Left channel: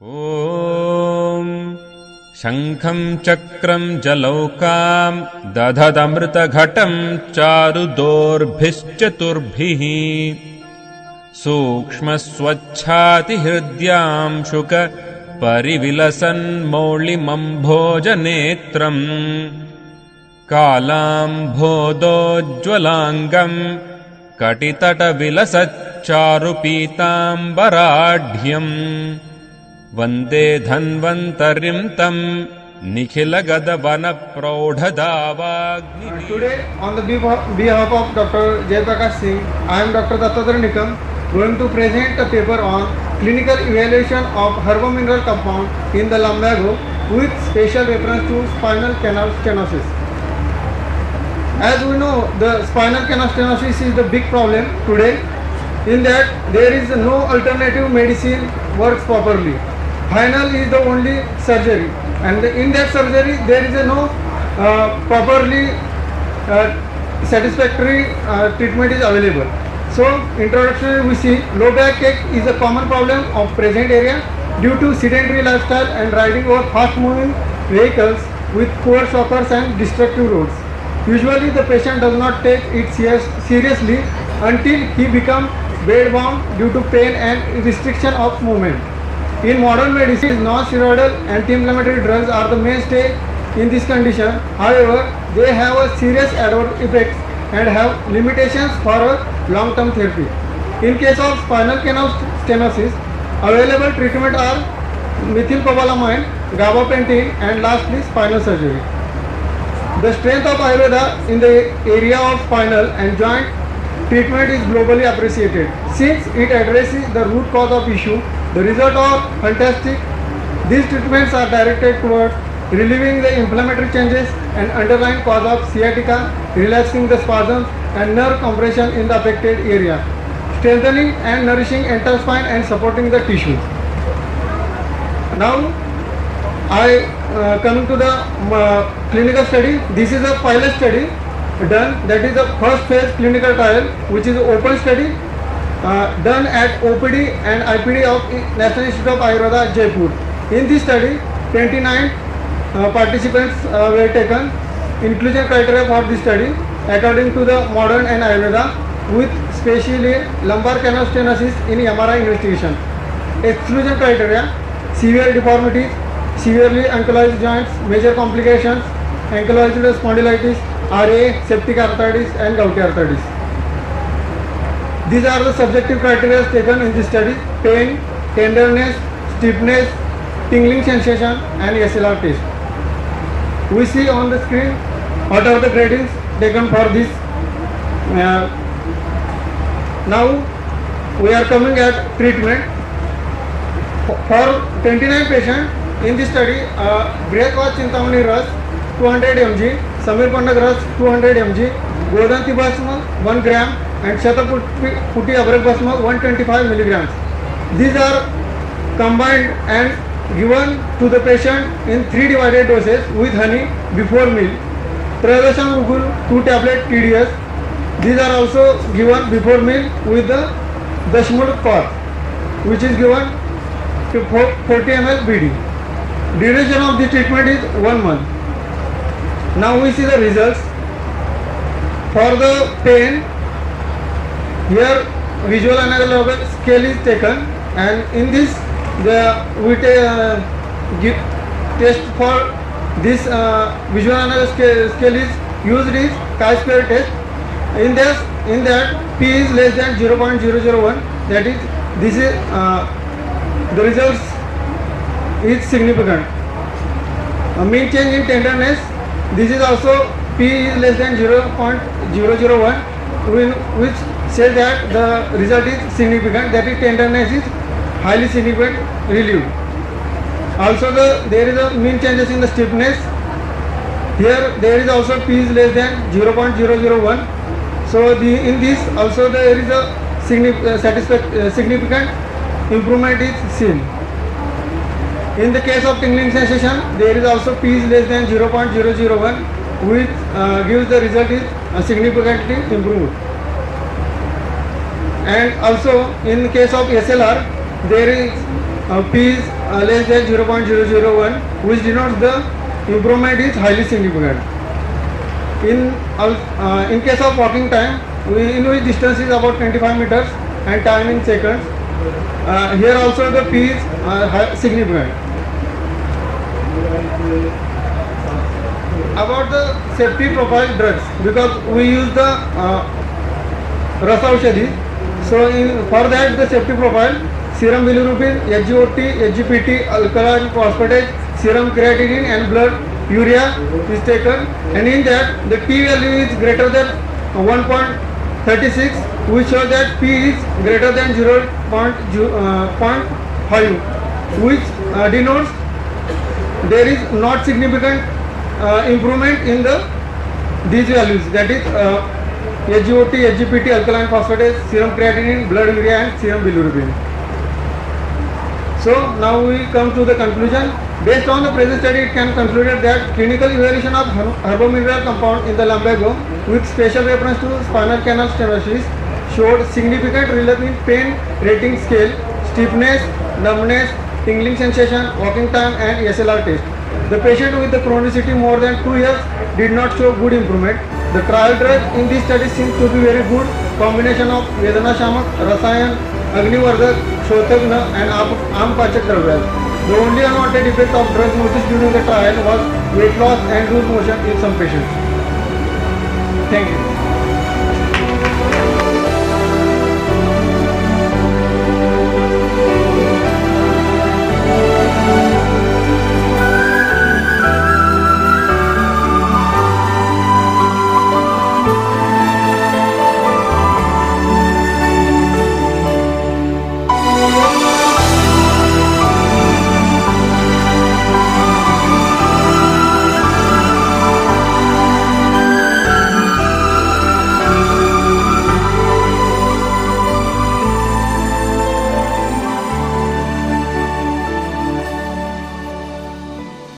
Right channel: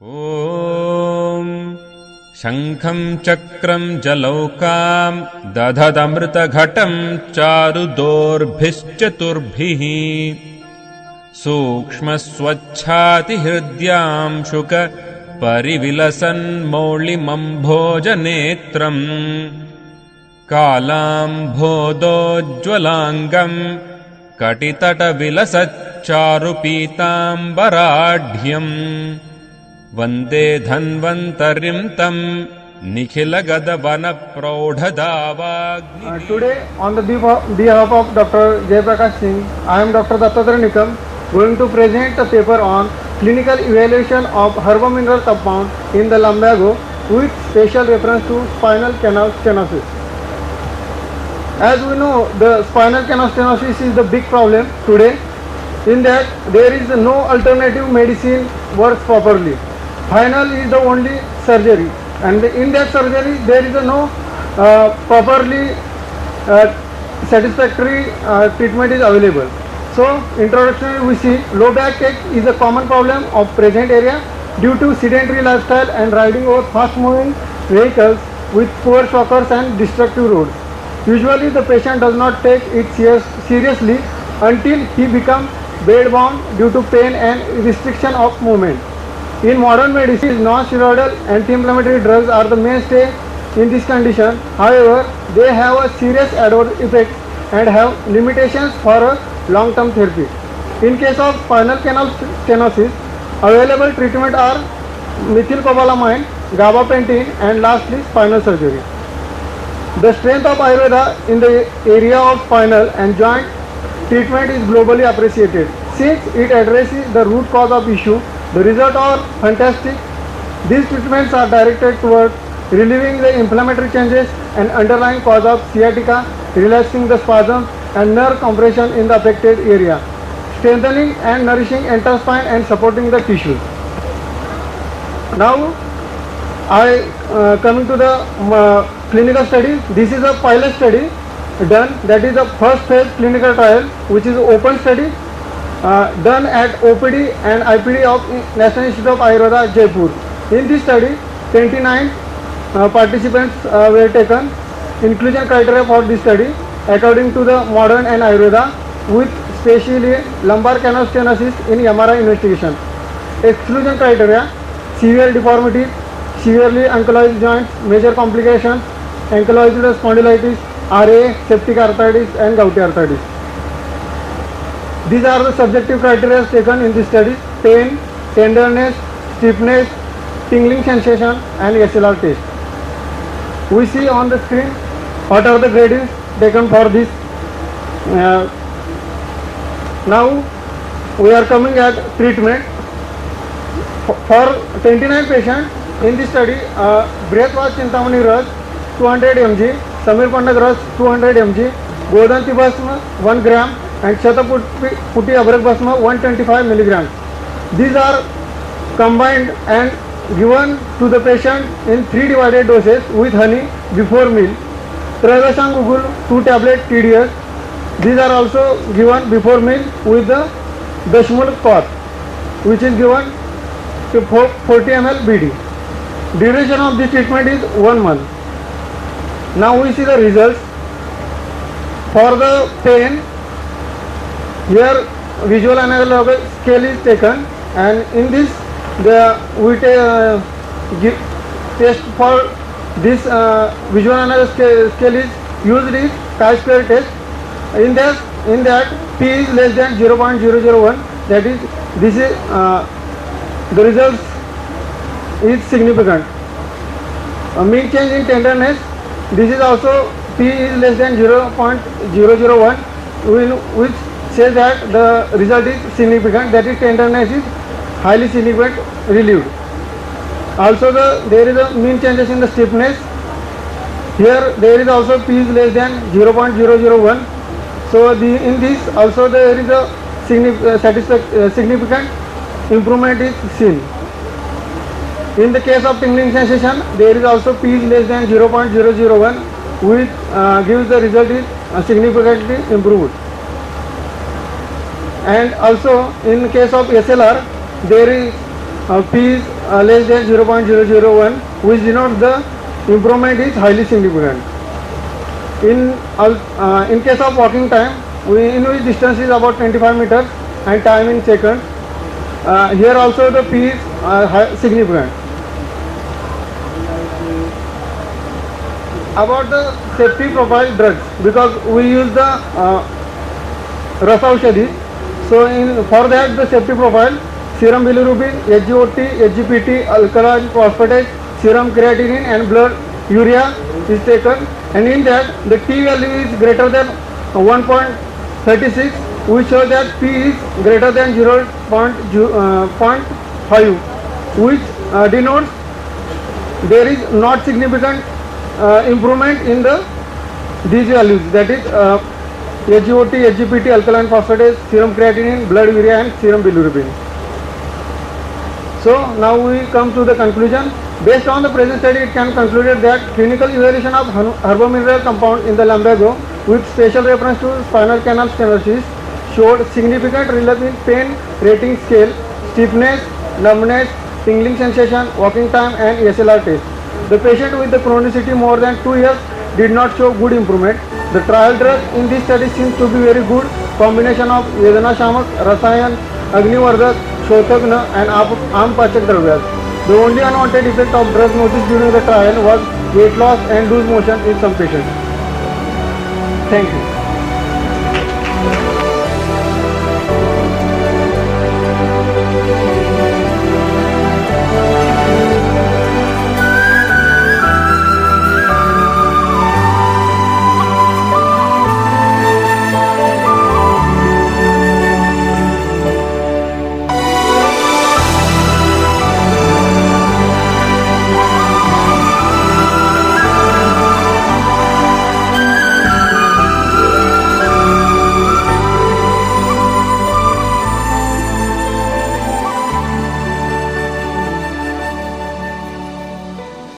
ॐ शङ्खं चक्रं जलौकां दधदमृतघटं चारुदोर्भिश्चतुर्भिः सूक्ष्मस्वच्छातिहृद्यां शुक परिविलसन्मौळिमम्भोजनेत्रम् कालाम्भोदोज्ज्वलाङ्गं कटितटविलसच्चारुपीताम्बराढ्यम् वन्दे धन्वन्तरिं तं निखिलगदवनप्रौढदावाग्नि. Today, on the behalf of Dr. Jaiprakash Singh, I am Dr. Dattatreya Nikam, going to present a paper on clinical evaluation of herbomineral compound in the lumbago with special reference to spinal canal stenosis. As we know, the spinal canal stenosis is the big problem today. In that, there is no alternative medicine works properly. Final is the only surgery, and in that surgery there is no properly satisfactory treatment is available. So introductory we see low back ache is a common problem of present area due to sedentary lifestyle and riding over fast moving vehicles with poor shockers and destructive roads. Usually the patient does not take it seriously until he becomes bedbound due to pain and restriction of movement. In modern medicine, non-steroidal anti-inflammatory drugs are the mainstay in this condition. However, they have a serious adverse effects and have limitations for a long-term therapy. In case of spinal canal stenosis, available treatment are methylcobalamin, gabapentin, and lastly spinal surgery. The strength of Ayurveda in the area of spinal and joint treatment is globally appreciated. Since it addresses the root cause of issue, the results are fantastic. These treatments are directed towards relieving the inflammatory changes and underlying cause of sciatica, relaxing the spasms and nerve compression in the affected area, strengthening and nourishing entire spine and supporting the tissue. Now, I come to the clinical study. This is a pilot study done, that is the first phase clinical trial, which is open study done at OPD and IPD of National Institute of Ayurveda, Jaipur. In this study, 29 participants were taken. Inclusion criteria for this study according to the modern and Ayurveda with specially lumbar canal stenosis in MRI investigation. Exclusion criteria: severe deformities, severely ankylosed joints, major complications, ankylosed spondylitis, RA, septic arthritis and gouty arthritis. These are the subjective criteria taken in this study: pain, tenderness, stiffness, tingling sensation and SLR test. We see on the screen what are the gradings taken for this. Now we are coming at treatment. For 29 patients in this study, Brihadwat Chintamani Ras 200 mg, Samir Pandak Ras 200 mg, Godanti Bhasma 1 gram and Shataputi Abrak Bhasma 125 milligrams. These are combined and given to the patient in 3 divided doses with honey before meal. Tridasham Rugul 2 tablet TDS. These are also given before meal with the Dashmul pot, which is given to 40 ml BD. Duration of this treatment is 1 month. Now we see the results. For the pain, here visual analog scale is taken, and in this we test for this visual analog scale is used is chi-square test. In that P is less than 0.001, that is this is the results is significant. Mean change in tenderness, this is also P is less than 0.001, which says that the result is significant, that is tenderness is highly significant, relieved. Also there is a mean changes in the stiffness. Here there is also P is less than 0.001. So in this also there is a significant improvement is seen. In the case of tingling sensation, there is also P is less than 0.001, which gives the result is significantly improved. And also in the case of SLR, there is P is less than 0.001, which denotes the improvement is highly significant. In case of walking time, in which distance is about 25 meters and time in seconds. Here also the P is significant. About the safety profile drugs, because we use the Ras Aushadhi, so for that the safety profile, serum bilirubin, SGOT, SGPT, alkaline phosphatase, serum creatinine and blood urea is taken, and in that the T value is greater than 1.36, which shows that P is greater than 0.5, which denotes there is not significant improvement in these values, that is SGOT, SGPT, alkaline phosphatase, serum creatinine, blood urea and serum bilirubin. So now we come to the conclusion. Based on the present study, it can concluded that clinical evaluation of herbomineral compound in the lumbago with special reference to spinal canal stenosis showed significant relief in pain rating scale, stiffness, numbness, tingling sensation, walking time and SLR test. The patient with the chronicity more than 2 years did not show good improvement. The trial drug in this study seems to be very good combination of Vedana Shamak, Rasayan, Agnivardhak, Shotagna and Ampachak Dravyas. The only unwanted effect of drug noticed during the trial was weight loss and loose motion in some patients. Thank you.